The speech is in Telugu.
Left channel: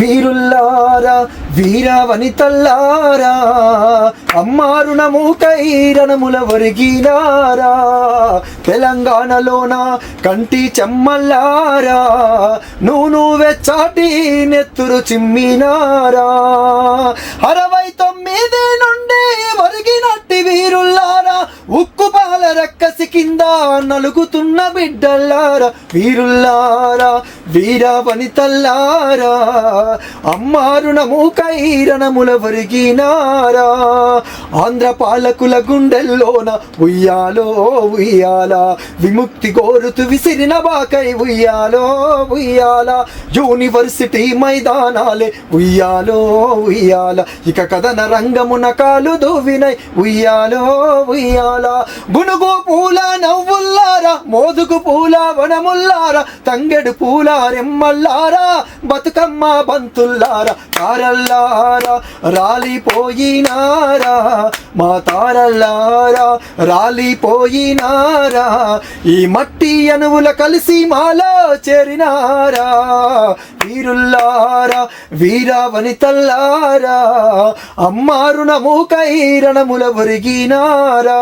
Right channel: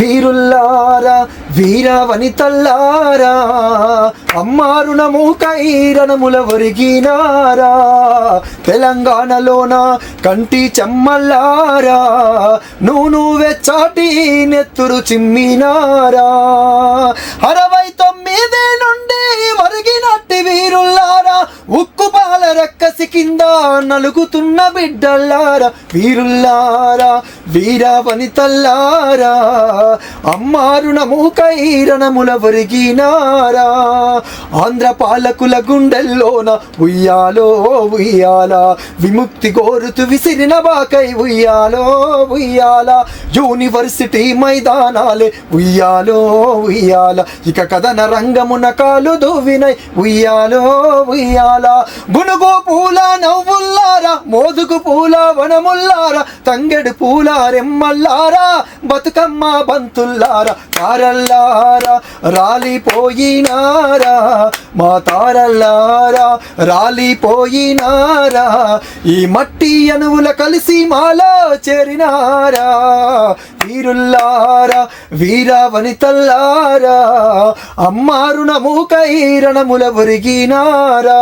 వీరుల్లారా వీర వనితల్లారా అమ్మారుణము కైరణముల ఒరిగినారా తెలంగాణలోన కంటి చెమ్మల్లారా నూను వెచ్చాటి నెత్తురు చిమ్మినారా. అరవై తొమ్మిది నుండి కసి కింద నలుగుతున్న బిడ్డల్లారా వీరుల్లారా వీర వనితల్లారా అమ్మారుణము కైరణముల వరిగినారా ఆంధ్ర పాలకుల గుండెల్లోన ఉయ్యాలో ఉయ్యాల. విముక్తి కోరుతు విసిరిన బాకై ఉయ్యాలో ఉయ్యాల. యూనివర్సిటీ మైదానాలే ఉయ్యాలో ఉయ్యాల. ఇక కథన రంగమున కాలు దువ్వినై ఉయ్యాలో ఉయ్యాల. గుణగోపు పూల నవ్వుల్లారా మోదుగు పూల వనముల్లారా తంగెడు పూల రెమ్మల్లారా బతుకమ్మ బంతుల్లారా తారల్లారా రాలిపోయినారా మా తారల్లారా రాలిపోయినారా ఈ మట్టి అణువుల కలిసి మాలో చేరినారా వీరుల్లారా వీర వనితల్లారా అమ్మారుణము కైరణముల ఒరిగినారా.